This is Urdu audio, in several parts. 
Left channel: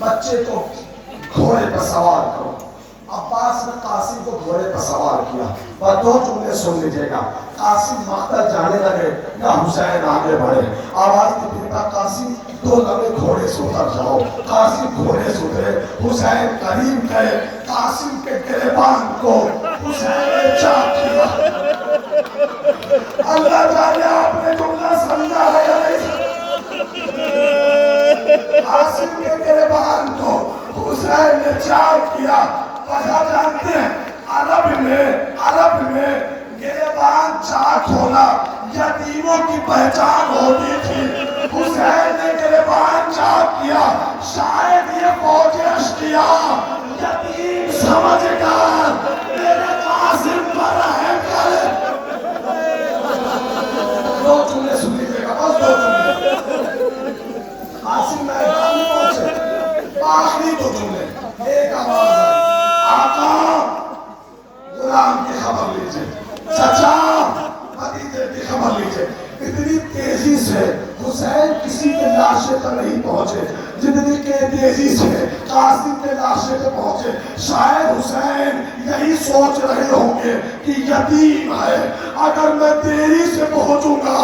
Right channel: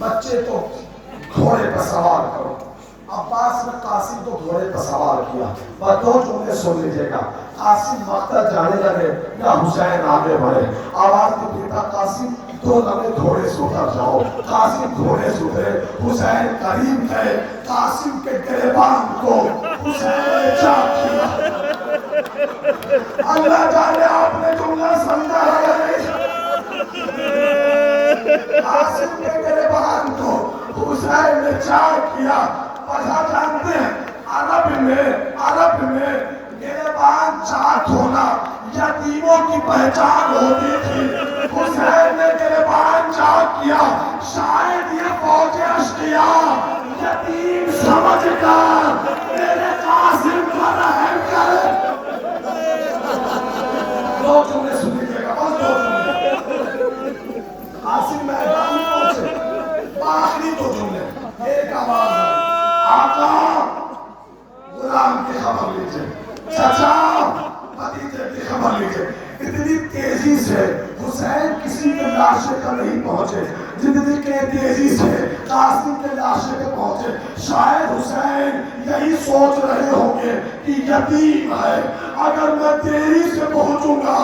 بچے کو گھوڑے پر سوار کرو۔ عباس نے قاسم کو گھوڑے پر سوار کیا، اور دو جملے سن لیجیے گا۔ قاسم مقتل جانے لگے یا حسین آگے بڑھے، آواز کو دیتا قاسم دو لمحے گھوڑے سے اتر جاؤ۔ قاسم گھوڑے سے اترے، حسین قریب گئے، قاسم کے گریبان کو حسین نے چاک کیا۔ اللہ جانے آپ نے جملہ سمجھا ہے نہیں؟ قاسم کے گریبان کو حسین نے چاک کیا۔ وجہ جانتے ہیں؟ عرب میں گریبان چاک ہونا یتیموں کی پہچان ہوتی تھی۔ حسین نے گریبان چاک کیا، شاید یہ فوج اشقیاء یتیم سمجھ کر میرے قاسم پر رحم کرے۔ دو جملے سن لیجیے گا، بس دو جملے۔ قاسم میدان میں پہنچے، آخری دو جملے، ایک آواز آئی، آقا غلام کی خبر لیجئے، چچا بھتیجے کی خبر لیجئے۔ اتنی تیزی سے حسین کسی کے لاشے پر نہیں پہنچے جتنی کہ تیزی سے قاسم کے لاشے پر پہنچے۔ شاید حسین یہی سوچ رہے ہوں گے کہ یتیم ہے، اگر میں دیری سے پہنچوں گا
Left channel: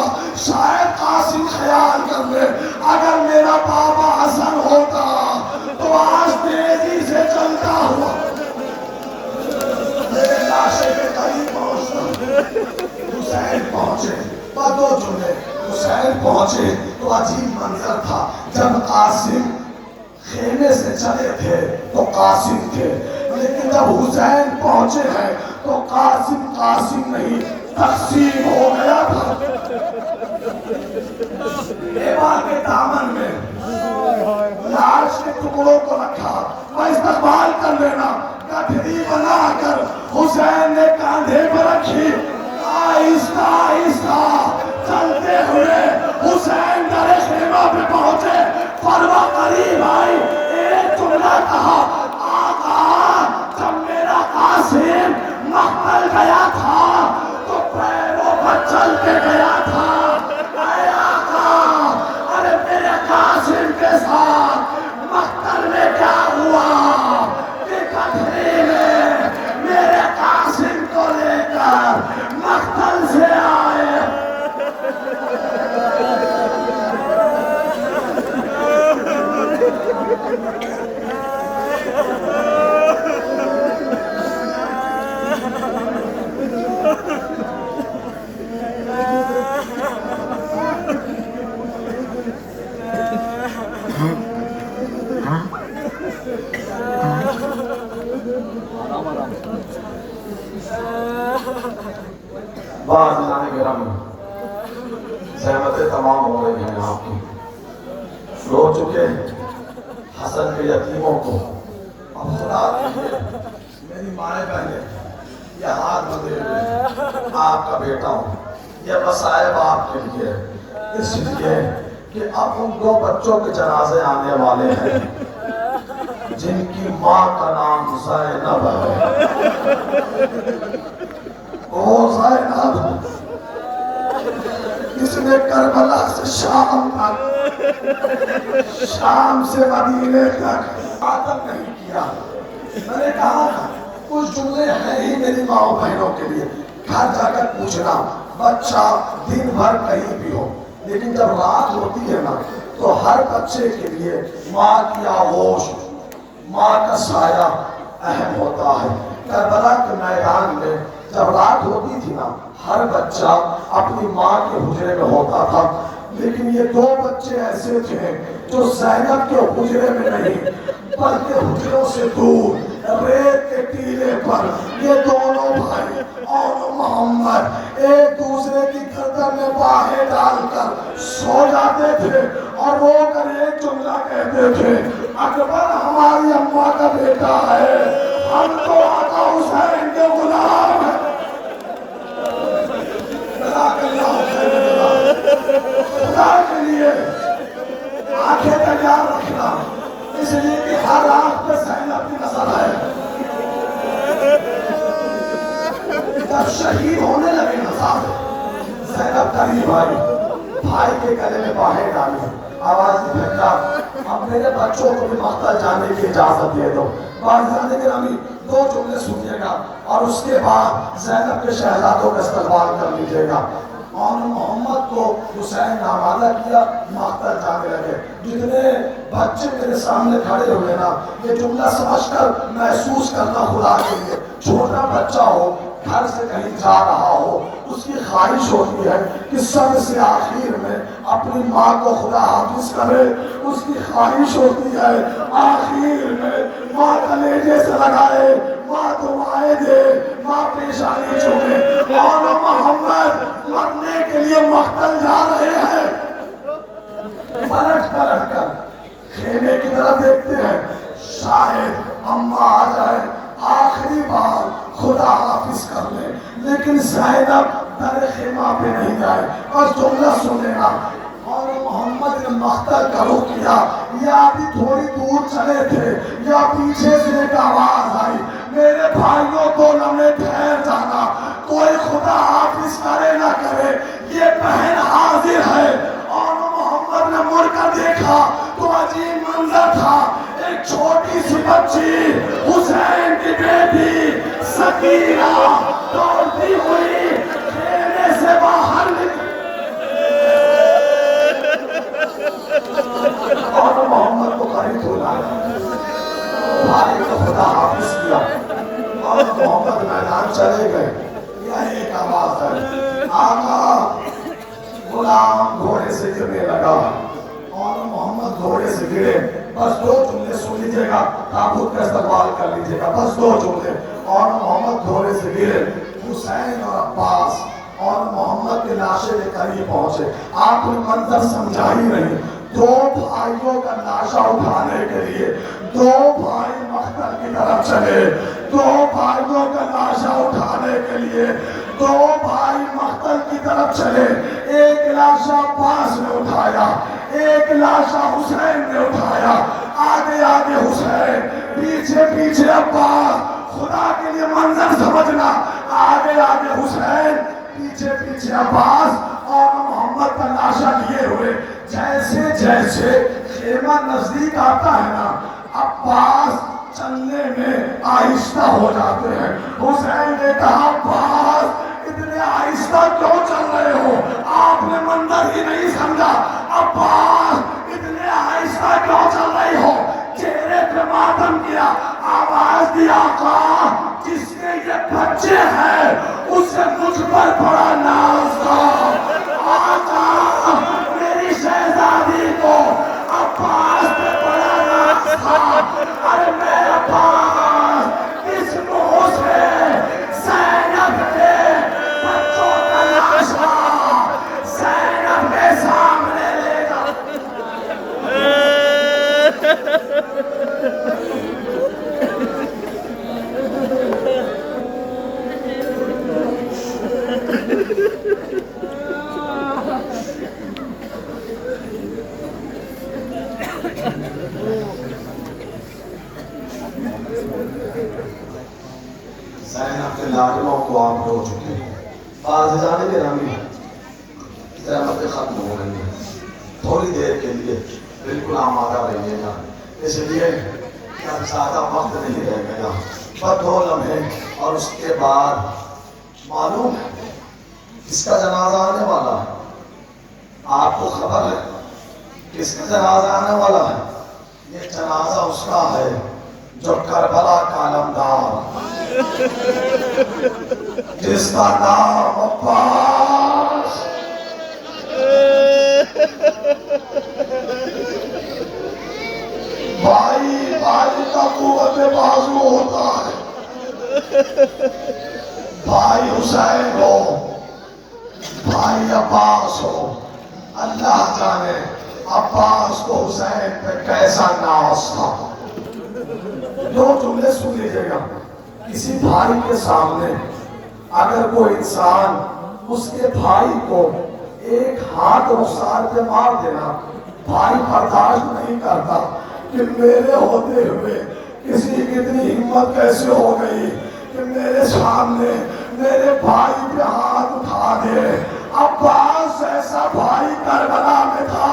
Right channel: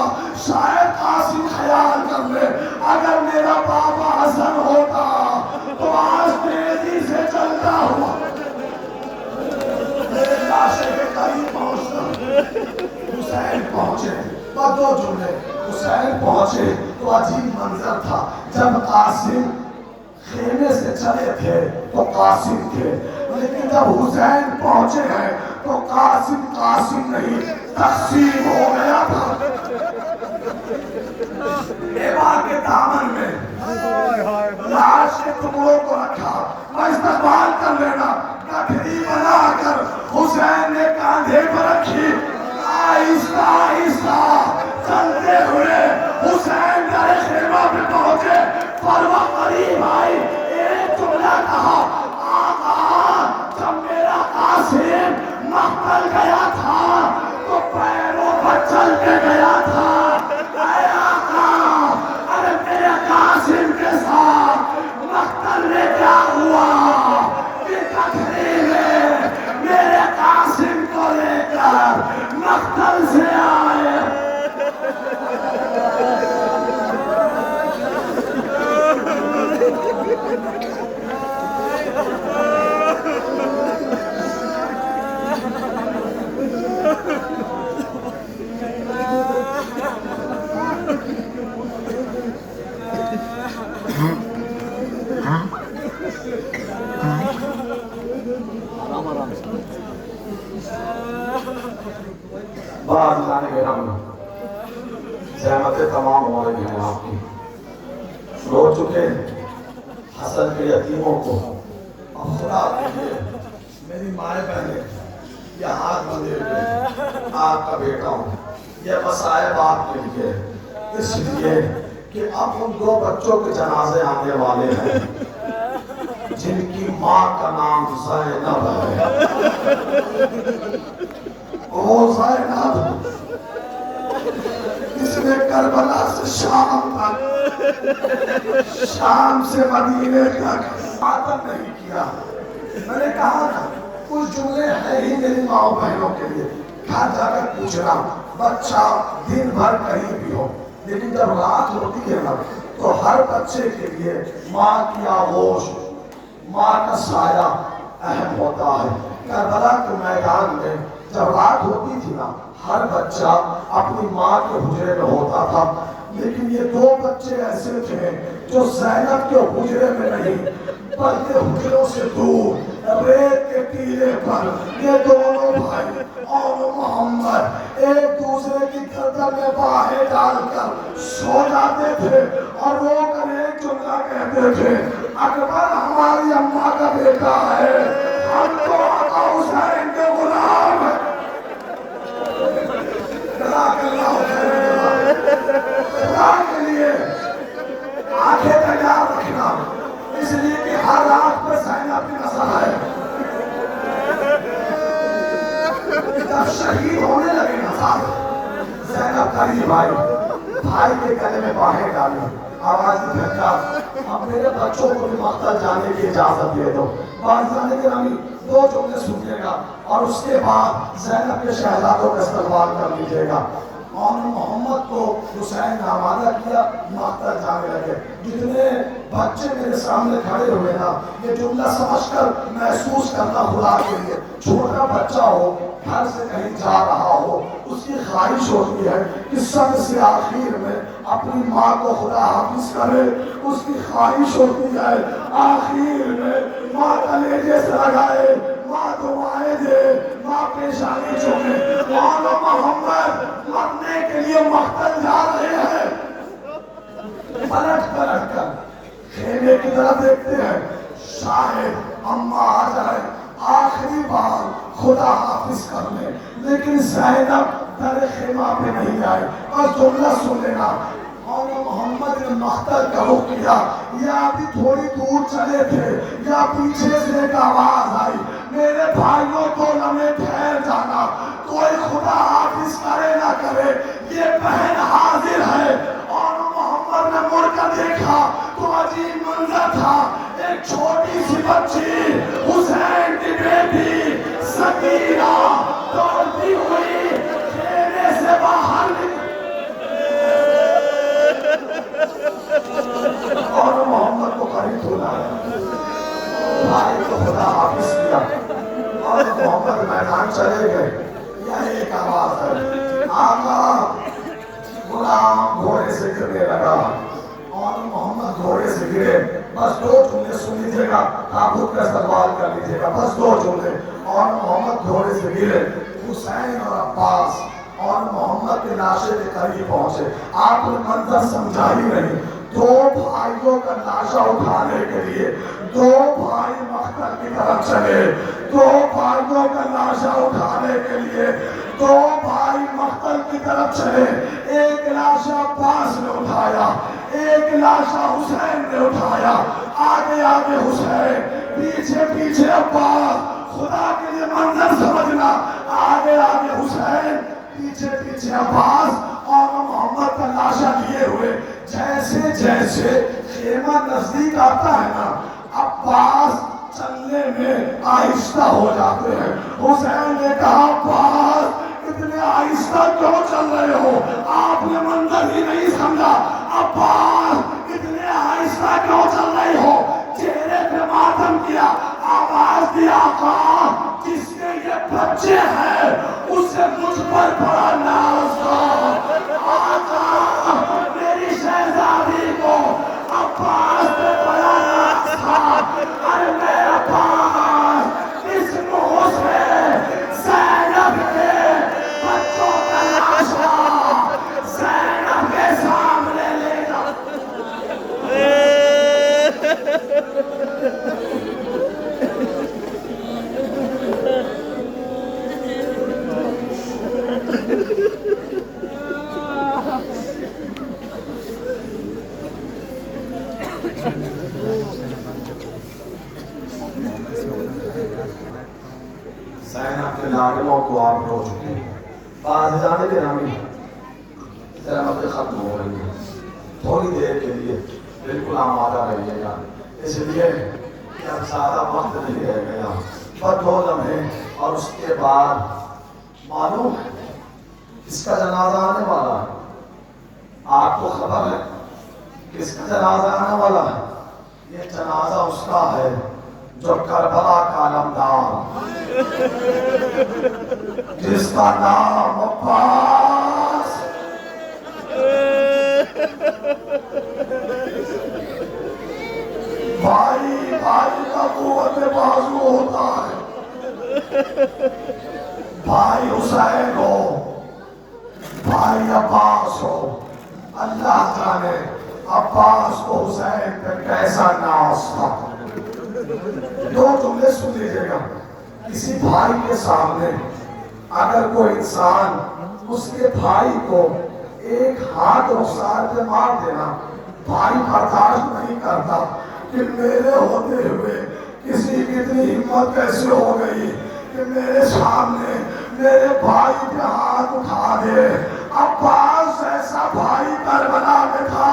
شاید قاسم خیال کر لے، اگر میرا بابا حسن ہوتا تو آج تیزی سے چلتا ہوا میرے لاشے کے قریب پہنچتا۔ حسین پہنچے، دو جملے، حسین پہنچے تو عجیب منظر تھا۔ جب قاسم خیمے سے چلے تھے تو قاسم تھے، لیکن جب حسین پہنچے ہیں تو قاسم نہیں، تقسیم ہو گیا تھا۔ ایوان کے دامن میں لاش کے ٹکڑوں کو رکھا، اور استقبال کر لینا، گٹھری بنا کر حسین نے کاندھے پر رکھی۔ آہستہ آہستہ چلتے ہوئے حسین در خیمہ پہ پہنچے، پروا قریب آئی، ایک جملہ کہا، آقا جب میرا قاسم مقتل گیا تھا تو پیروں پر چل کے گیا تھا، اے آقا ارے میرے قاسم کے ساتھ مقتل میں کیا ہوا کہ گٹھری میں میرے قاسم کو لے کر مقتل سے آئے۔ بعض جانے کے رنگ زحمتیں تمام ہو رہی ہیں آپ کی، رو چکے حسن کے یتیموں کو، اب خدا دیکھئے میری مائیں بہنیں یہ ہاتھ بندے ہوئے، آپ کا بیٹا ہوں، یہ مسائب آپ کے لیے، اس لیے کہ اب ان دو بچوں کے جنازے آنے والے ہیں جن کی ماں کا نام زینب ہے۔ وہ زینب اس نے کربلا سے شام تک، شام سے مدینے تک عادت نہیں کیا۔ میں نے کہا تھا کچھ جملے ہیں ہی میری ماں بہنوں کے لیے، گھر جا کر پوچھنا، بچہ دن بھر کہیں بھی ہو لیکن جب رات ہوتی ہے نا تو ہر بچے کے لیے ماں کی آغوش، ماں کا سایہ اہم ہوتا ہے۔ کربلا کے میدان میں جب رات ہوتی تھی نا ہر بچہ اپنی ماں کے حجرے میں ہوتا تھا، لیکن یہ دو بچے ایسے تھے جو زینب کے حجرے میں نہیں بلکہ حجروں سے دور ریت کے ٹیلے پر یہ دونوں بھائی اور محمد ایک دوسرے کی گردن میں باہیں ڈال کر سو جاتے تھے اور رو کر ایک جملہ کہتے تھے، اکبر ہماری اماں کا بیٹا ہے، ہم تو آقا حسین کے غلام ہیں۔ جزاک اللہ خدا کے لیے آنکھیں تیار رکھنا، اس لیے کہ ہر رات پہ زینب کی نظر ہے۔ جب شہید ہونے لگے نا صاحب، زینب قریب آئی، بھائی کے گلے میں باہیں ڈالی، آواز پھینکا، اب میرے بچوں کو بھی مقتل جانے کی اجازت دے دو۔ بازرگان گرامی 2 جملے سنیے گا اور اس کے بعد زینب کے شہزادوں کا استقبال کر لیجیے گا۔ اور محمد کو حسین آمادہ کیا، مقتل جانے لگے۔ جتنے بچے میرے سامنے کھڑے ہوئے نا، یہ جملہ سمجھ کر محسوس کرنا خدا کے لیے، چھوٹا بچہ ہو گھر سے کہیں جا رہا ہو، اس کی خواہش ہوتی ہے کہ سب سے آخر میں اپنی ماں کو خدا حافظ کرے، اس کی خواہش ہوتی ہے آخر میں ماں کلیجے سے لگائے، ماں دعائیں دے، ماں پیشانی چومے۔ اور محمد مرنے کے لیے مقتل جا رہے ہیں، پلٹ کر خیمے کی طرف دیکھتے ہیں، شاید اماں آ جائے آخری بار خدا حافظ کرنے، لیکن زینب در خیمہ پہ نہیں آئے۔ بس جملہ سنے گا، اور محمد نے مقتل کا رخ کیا، یا ابھی تھوڑی دور چلے تھے یا پیچھے سے ایک آواز آئی، میرے بھائیوں کو لمحے ٹھہر جانا، کوئی خدا حافظ کرے نہ کرے، یہ بہن حاضر ہے۔ اور محمد نے مڑ کر دیکھا تو عجیب منظر تھا، ایک چھوٹی سی بچی حسین کی بیٹی سکینہ دوڑتی ہوئی خیمے سے باہر اور محمد کو قریب بلایا، بھائی کو خدا حافظ کیا، اور محمد میدان چلے گئے۔ یہ ایک آواز ہے، آقا غلام گھوڑے سے گرنے لگا، اور محمد گھوڑے سے گرے۔ بس 2 جملے سن لیجیے گا، تابوت کا استقبال کر لیجیے گا، بس 2 جملے۔ اور محمد گھوڑے سے گرے، حسین اور عباس اور محمد کے لاشے کے قریب پہنچے۔ آپ نے منظر سمجھا ہی نہیں، 2 بھائیوں کا لاشا اٹھانے کے لیے 2 بھائی مقتل کی طرف چلے، 2 بھائیوں کا لاشا اٹھانے کے لیے 2 بھائی مقتل کی طرف چلے۔ ایک لاشا عباس نے اٹھایا، ایک لاشا حسین نے اٹھایا، آگے آگے حسین، پیچھے پیچھے عباس۔ خدا کے لیے منظر سمجھنا، آگے آگے حسین، پیچھے پیچھے عباس، اور محمد کا لاشا لیے ہوئے۔ جیسے جیسے خیمہ نزدیک آتا ہے نا، عباس چلنے میں آہستہ ہو جاتے ہیں۔ حسین نے کہا، عباس اتنے آہستہ کیوں چل رہے ہو؟ آپ نے منظر ہی نہیں سمجھا۔ عباس اتنے آہستہ کیوں چل رہی ہو؟ چہرے پہ ماتم کیا، آواز دی، آقا جس کے یہ بچے ہیں اسے مجھ پر بڑا ناز تھا، آقا میری شہزادی کو عباس پہ بڑا ناز تھا۔ ارے میرے پاس اس منہ سے زینب کے بچوں کا لاشا زینب کے سامنے لے جاؤ۔ زینب کے لاڈلوں کو آپ رو چکے ہیں، بازرگان گرامی زحمت ختم ہو رہی ہے، تھوڑی دیر کے لیے بالکل آمادہ رہیے گا، اس لیے کہ اب زیادہ وقت نہیں رہ گیا، بس 2 لمحے، اور اس کے بعد معلوم ہے کس کا جنازہ آنے والا ہے؟ آپ کو خبر ہے کس کا جنازہ آنے والا ہے؟ یہ جنازہ اس کا ہے جو کربلا کا علمدار، جس کا نام عباس، بھائی بھائی کا قوت بازو ہوتا ہے، بھائی حسین ہو، بھائی عباس ہو، اللہ جانے عباس کو حسین پہ کیسا ناز تھا۔ 2 جملے سن لیجیے گا، کسی بھائی کے سامنے اگر کوئی انسان اس کے بھائی کو ایک ہاتھ رخسار پہ مار دینا، بھائی برداشت نہیں کرتا کہ میرے ہوتے ہوئے کسی کی اتنی ہمت کیسے ہو گئی کہ میرے سامنے میرے بھائی پہ ہاتھ اٹھا دے۔ عباس ایسا بھائی کربلا میں تھا،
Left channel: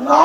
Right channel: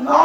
9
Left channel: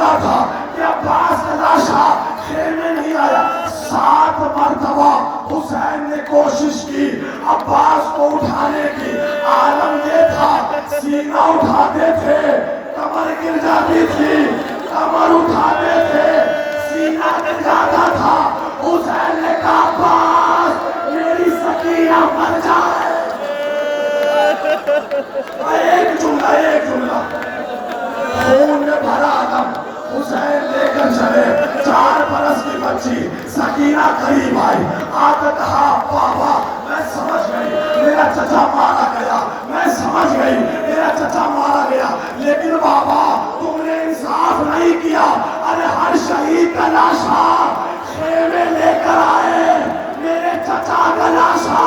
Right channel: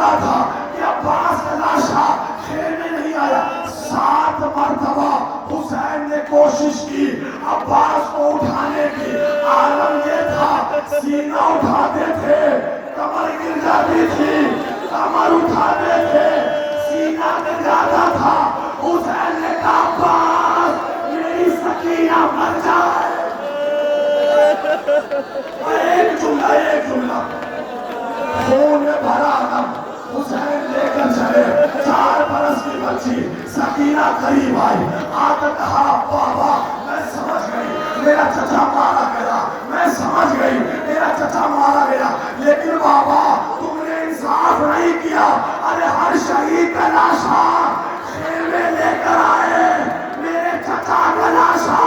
سنا تھا کہ عباس کا لاشا خیمے نہیں آیا. 7 مرتبہ حسین نے کوشش کی عباس کو اٹھانے کی. عالم یہ تھا سینہ اٹھاتے تھے کمر گر جاتی تھی, کمر اٹھاتے تھے سینہ گر جاتا تھا. حسین نے کہا عباس میری سکینہ مر جائے. ایک جملہ خون میں بھرا دم حسین لے کر چلے. 4 برس کی بچی سکینہ قریب آئی, آ کر کہا بابا میں سمجھ گئی میرا چچا مارا گیا, میں سمجھ گئی میرا چچا مارا گیا, لیکن بابا تم نے انصاف نہیں کیا. ارے ہر شہید کا لاشا خیمے لے کر آئے, میرے چچا کا لاشا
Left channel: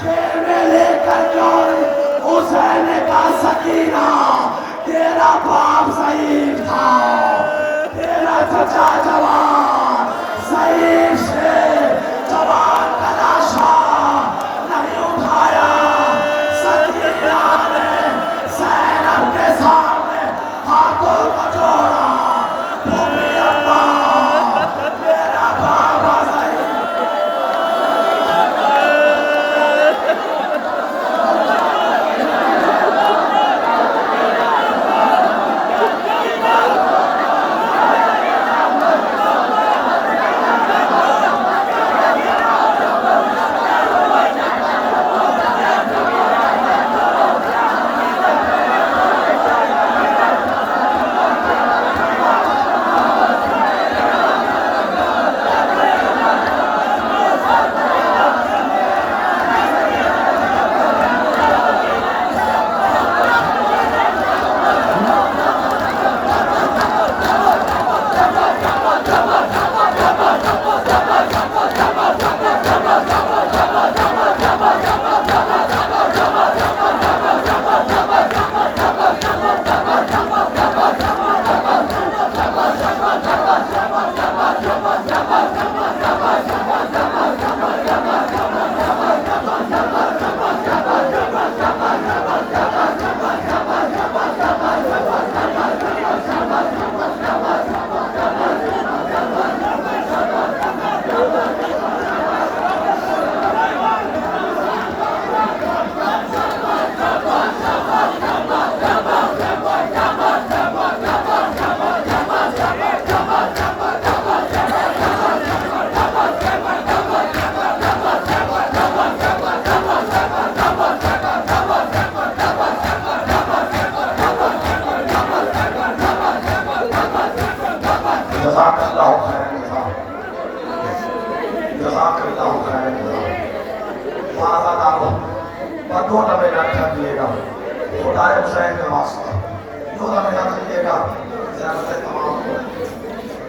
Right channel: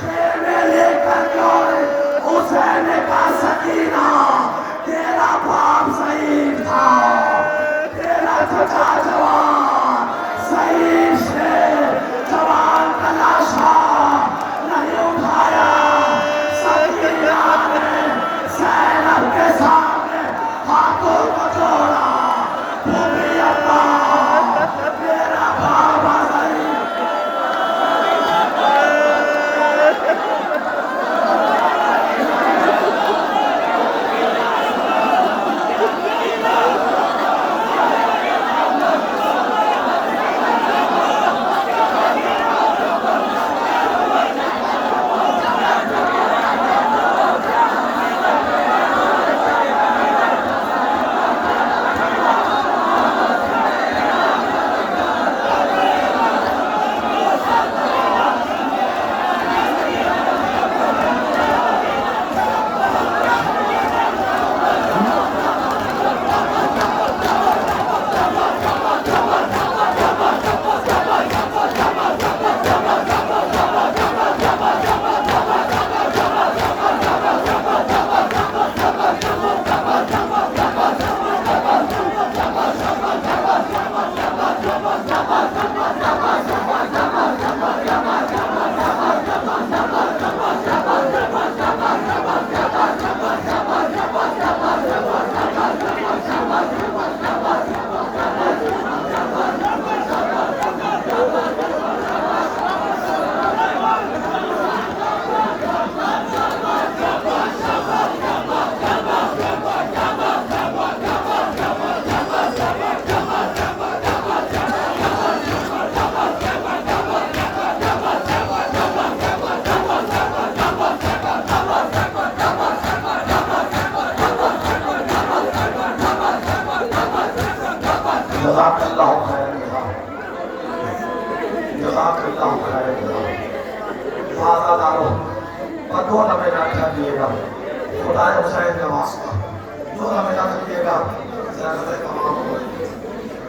خیمے لے کر کیوں. حسین نے کہا سکینہ تیرا باپ ضعیف تھا, تیرا چچا جوان ضعیف سے جوان کا لاشا نہیں اٹھایا. سکینہ نے زینب کے سامنے ہاتھوں کو جوڑا, بھومی ابا میرا بابا ضعیف.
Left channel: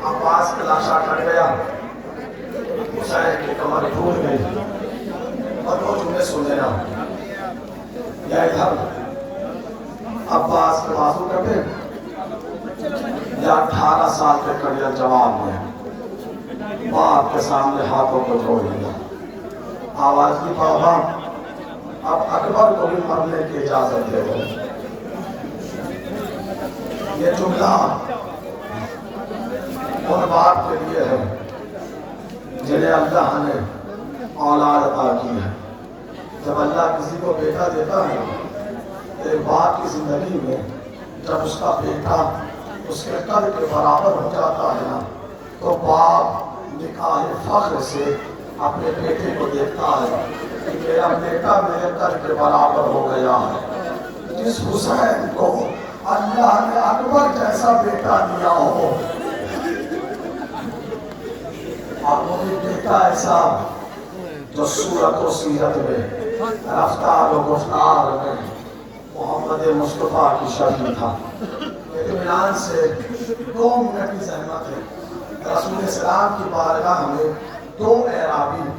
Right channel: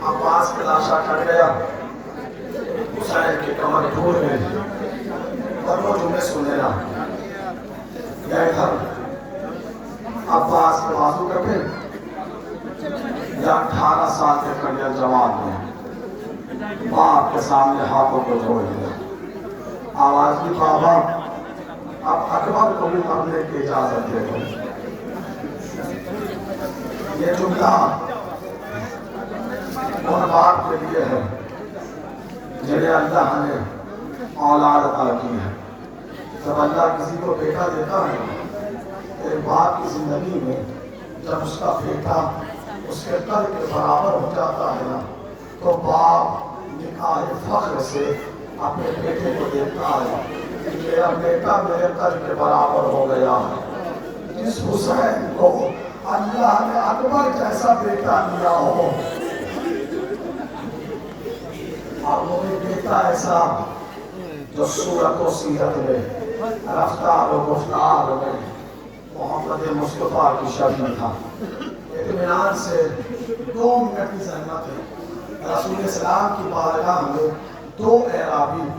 عباس کا لاشا کٹ گیا, حسین کی کمر ٹوٹ گئی. اور وہ جملے سنے گا یا ادھر عباس کے بازو کٹے یا 18 سال کے کڑیا جواب میں باپ کے سامنے ہاتھوں کو جوڑ دیا. آواز کی بابا اب اکبر کو بھی مرنے کی اجازت دے دو. یہ جملہ اور باپ کے لیے ہے جنہیں اللہ نے اولاد عطا کی ہے. جب اللہ کسی کو بیٹا دیتا ہے تو ایک باپ کی زندگی میں جب اس کا بیٹا اس کے قد کے برابر ہو جاتا ہے نا, تو باپ نکاح فخر سے اپنے بیٹے کو دیکھتا ہے کہ میرا بیٹا میرے قد کے برابر ہو گیا. جس حسین کو اللہ نے اکبر جیسا بیٹا دیا ہو, اب وہ بھی بیٹا ایسا جو صورت و سیرت میں, رفتار و گفتار میں محمد مصطفیٰ کی شبیہ تھا. اطمینان سے 2 منٹ کی زحمت ہے. رسول اسلام کی بارگاہ میں 2 اعرابی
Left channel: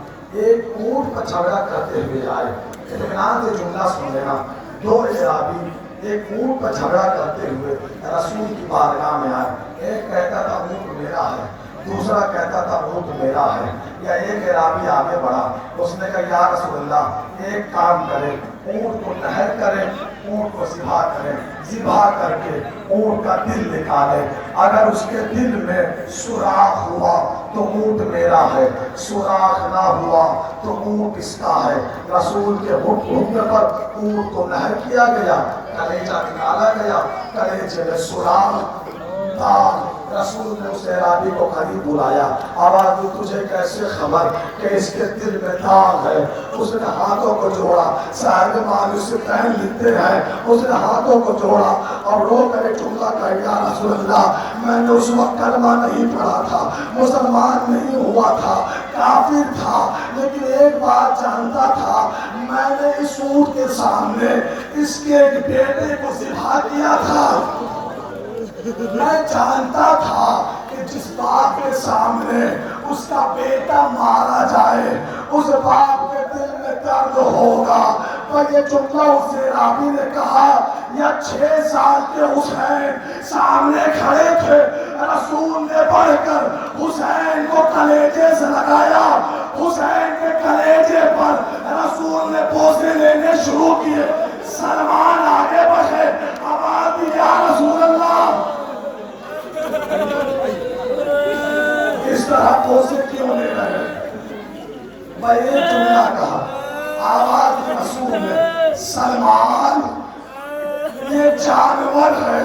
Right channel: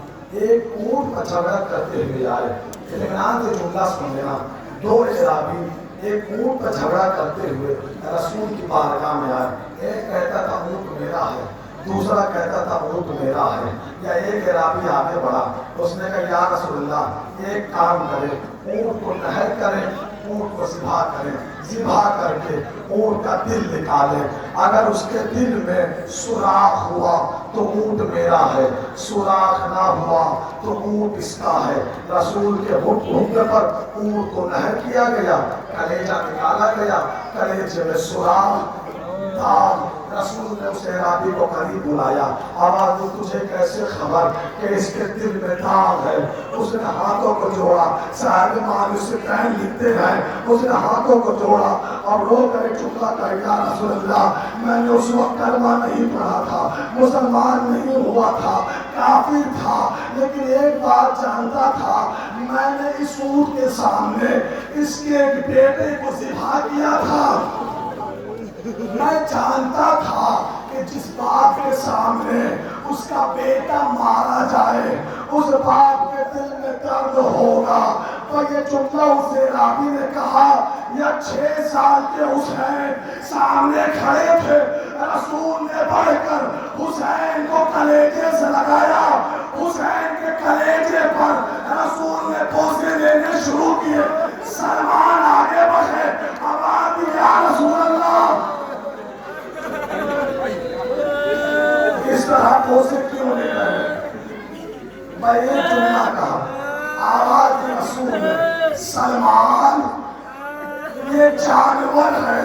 ایک اونٹ پر جھگڑا کرتے ہوئے آئے. اطمینان سے جملہ سن لینا. 2 اعرابی ایک اونٹ پر جھگڑا کرتے ہوئے رسول کی بارگاہ میں آئے. ایک کہتا تھا اونٹ میرا ہے, دوسرا کہتا تھا اونٹ میرا ہے. یا ایک اعرابی آگے بڑھا, اس نے کہا یا رسول اللہ ایک کام کریں, اونٹ کو نہر کریں, اونٹ کو ذبح کریں, ذبح کر کے اونٹ کا دل نکالے، اگر اس کے دل میں سوراخ ہوا تو اونٹ میرا ہے، سوراخ نہ ہوا تو اونٹ اس کا ہے۔ رسول کے حکم پر اونٹ کو نہر کیا گیا، کلیجہ نکالا گیا، کلیجے میں سوراخ تھا۔ رسول نے اس اعرابی کو قریب بلایا، آواز دی تجھے کیسے خبر کہ اس کے دل میں داغ ہے؟ اس نے ہاتھوں کو جوڑا، صاحب مالک سے پہن لکھتے ہیں، اس نے ہاتھوں کو جوڑا اور رو کر ایک جملہ کہا، یا رسول اللہ میں نے اس وقت کلمہ نہیں پڑھا تھا، مسلمان نہیں ہوا تھا، کافر تھا، لیکن ایک بات جانتا تھا، میں نے اس اونٹ کے سامنے اس کے ایک بیٹے کو ذبح کیا تھا۔ میں جانتا تھا کہ جس باپ کے سامنے اس کا بیٹا مارا جائے اس باپ کے دل میں درد ہوگا۔ اور یہ جملہ اس اعرابی نے کہا، یا 6 سال کے حسین سامنے کھڑے تھے، رسول نے بڑھ کر حسین کو کلیجے سے لگایا، حسین کے کلیجے پر رسول نے بوسے لینے شروع کیے۔ سلمان آگے بڑھے، آواز دی یا رسول اللہ، اس طرح بوسے کیوں لے رہے؟ میں یہ جملہ کہا، آواز رسول نے، سلمان یہ جانور ہے،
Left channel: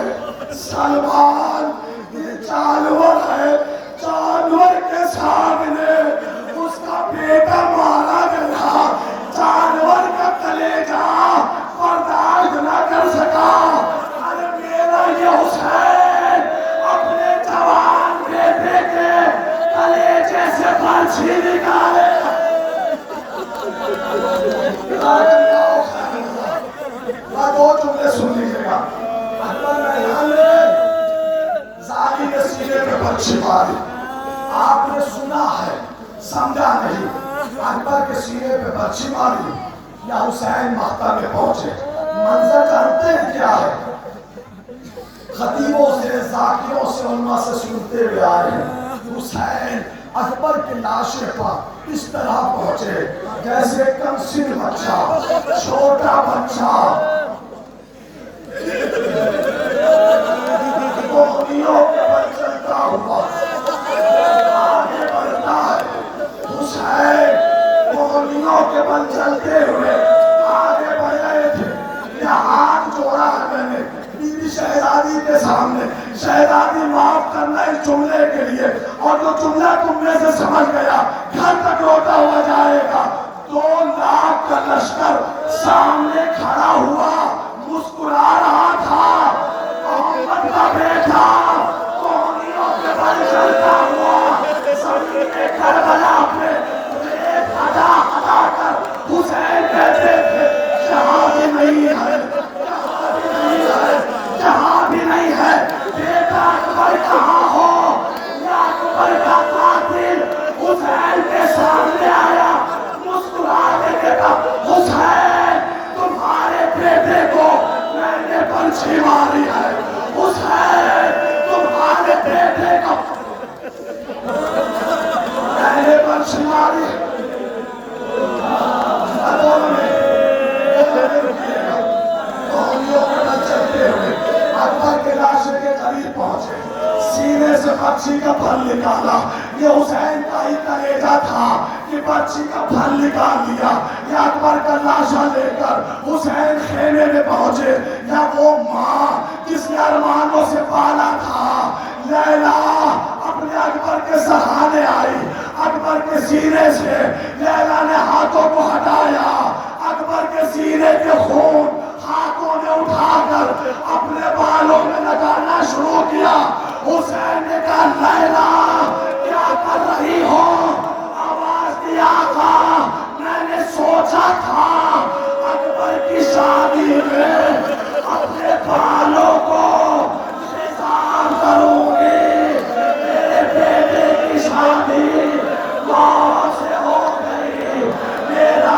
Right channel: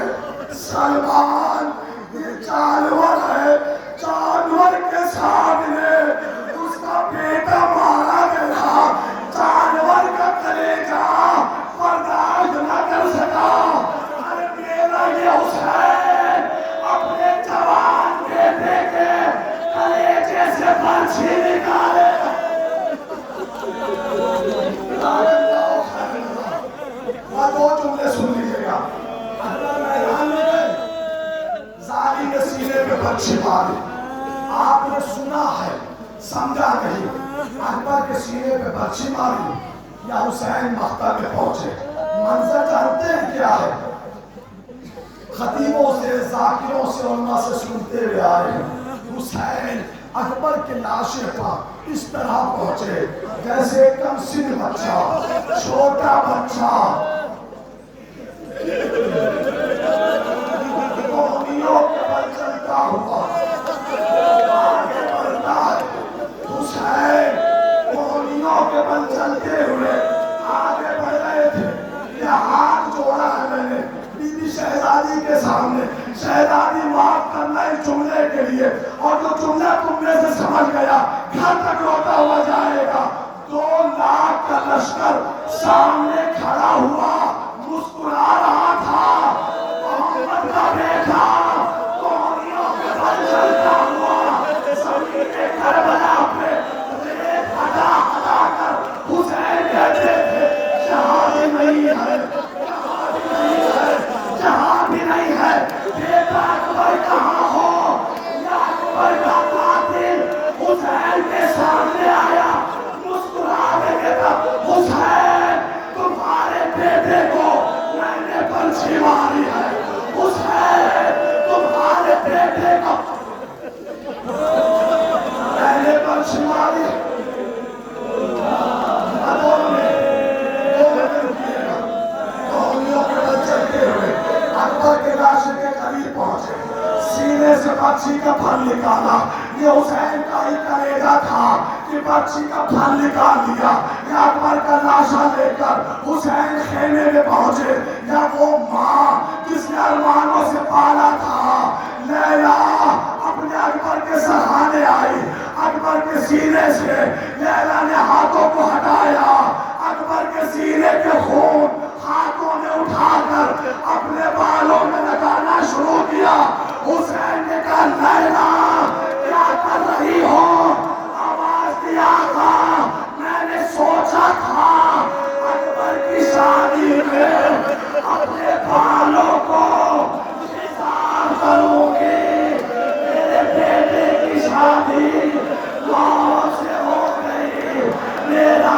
سلمان یہ جانور ہے، جانور کے سامنے اس کا بیٹا مارا گیا، جانور کا کلیجہ برداشت نہ کر سکا۔ ارے میرا یہ حسین اپنے جوان بیٹے کے کلیجے سے برچھی نکالے۔ میں 2 جملے سن لیجیے گا۔ اکبر میدان میں گئے، زاری نے سینے پہ برچھی ماری، آپ نے سنا ہے سمجھا نہیں، اکبر کے سینے پہ برچھی ماری یا حسین مقتل میں پہنچے۔ منظر جانتے ہیں کیا ہے؟ خطیبوں سے، ذاکروں سے، علماء سے سنتے ہوئے آ رہے ہیں، حسین اکبر کے لاشے پر اس طرح پہنچے جیسے کم سن بچہ، چھوٹا بچہ کوہنیوں کے بل چلتا ہوا آگے بڑھتا ہے۔ حسین کوہنیوں کے بل چلتے ہوئے آگے بڑھ رہے تھے، یہ ہاتھ جوڑا ہے میں نے بی بی شہزادی کے سامنے، شہزادی معاف کرنا اس جملے کے لیے، اور جو جملہ تم میں سے سمجھ گیا گھر تک روتا ہوا جائے گا۔ 2 لاکھ کا لشکر سامنے کھڑا ہوا، مسکرا رہا تھا، محمد کا بیٹا کوہنیوں کے بل چلتا ہوا زمین کربلا پہ ریت ہٹا ہٹا کر حسین کہتے تھے، جہاں بھی نہیں ہے، جہاں بھی نہیں ہے بیٹا اکبر کہاں ہو؟ یا اکبر کا قاتل حسین کے سامنے آیا، مسکرا کے کہا، حسین تمہارے بیٹے کو میں نے برچھی ماری ہے، حسین تمہارے بیٹے کو میں نے برچھی ماری۔ اکبر کے لاشے کے قریب پہنچے، سینے سے برچھی کا پھل نکالا، یہ حسین کا ہی کلیجہ تھا کہ برچھی کا پھل نکال دیا۔ یا اکبر کا لاشا لے کر حسین خیمے میں پہنچے، یا وہ ماں جس نے ارمانوں سے پالا تھا، لیلا اپنے اکبر کے سہانے آئی، اکبر کے سینے سے لیلا نے ہاتھوں کو ہٹایا، اکبر کے سینے کے خون ہاتھوں نے اٹھا کر اپنے بالوں میں لگانا شروع کیا۔ حسین نے کہا، لیلا کیا کر رہی ہو؟ آواز دیا تھا، میں نے سوچا تھا اکبر کی شادی میں اپنے بالوں کو خطاب کروں گی، میرے بیٹے کی شادی موت سے ہو گئی، میرا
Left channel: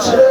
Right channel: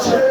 6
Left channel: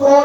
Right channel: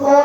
2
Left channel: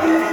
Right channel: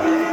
3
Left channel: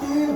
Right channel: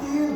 3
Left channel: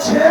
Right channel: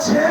6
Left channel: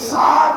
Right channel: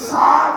7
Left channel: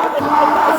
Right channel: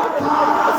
18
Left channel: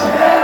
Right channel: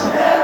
6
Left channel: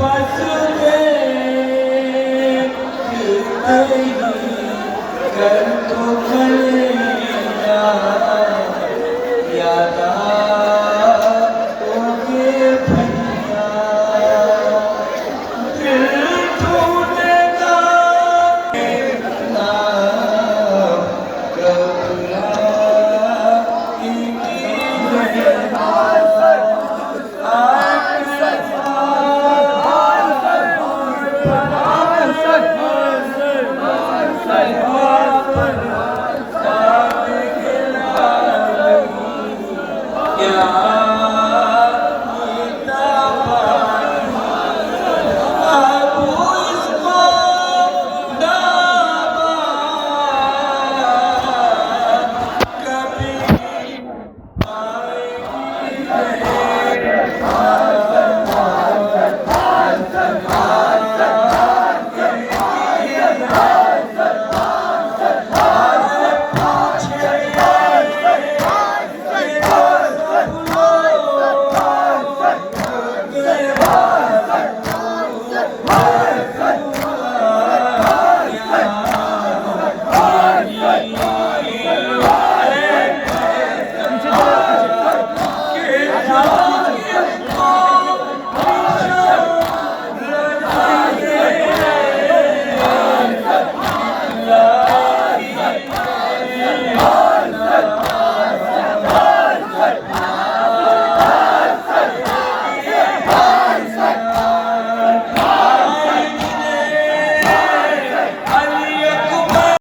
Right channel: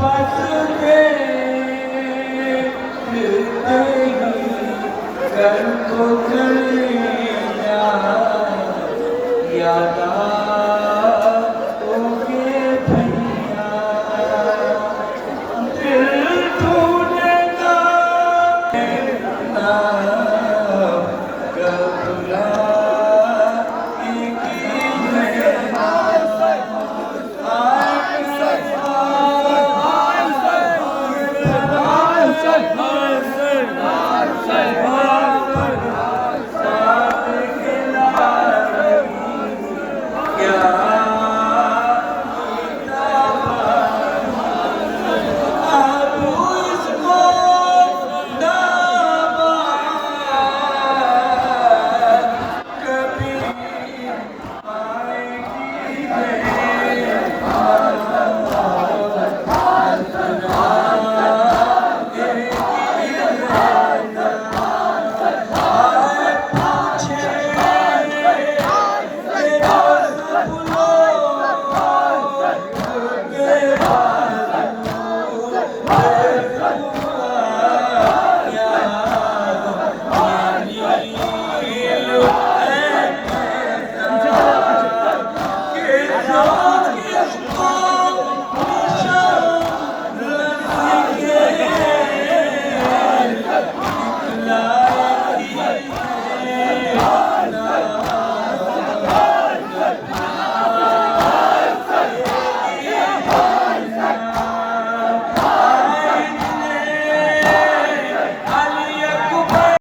بس دیکھ نہیں کر تو کر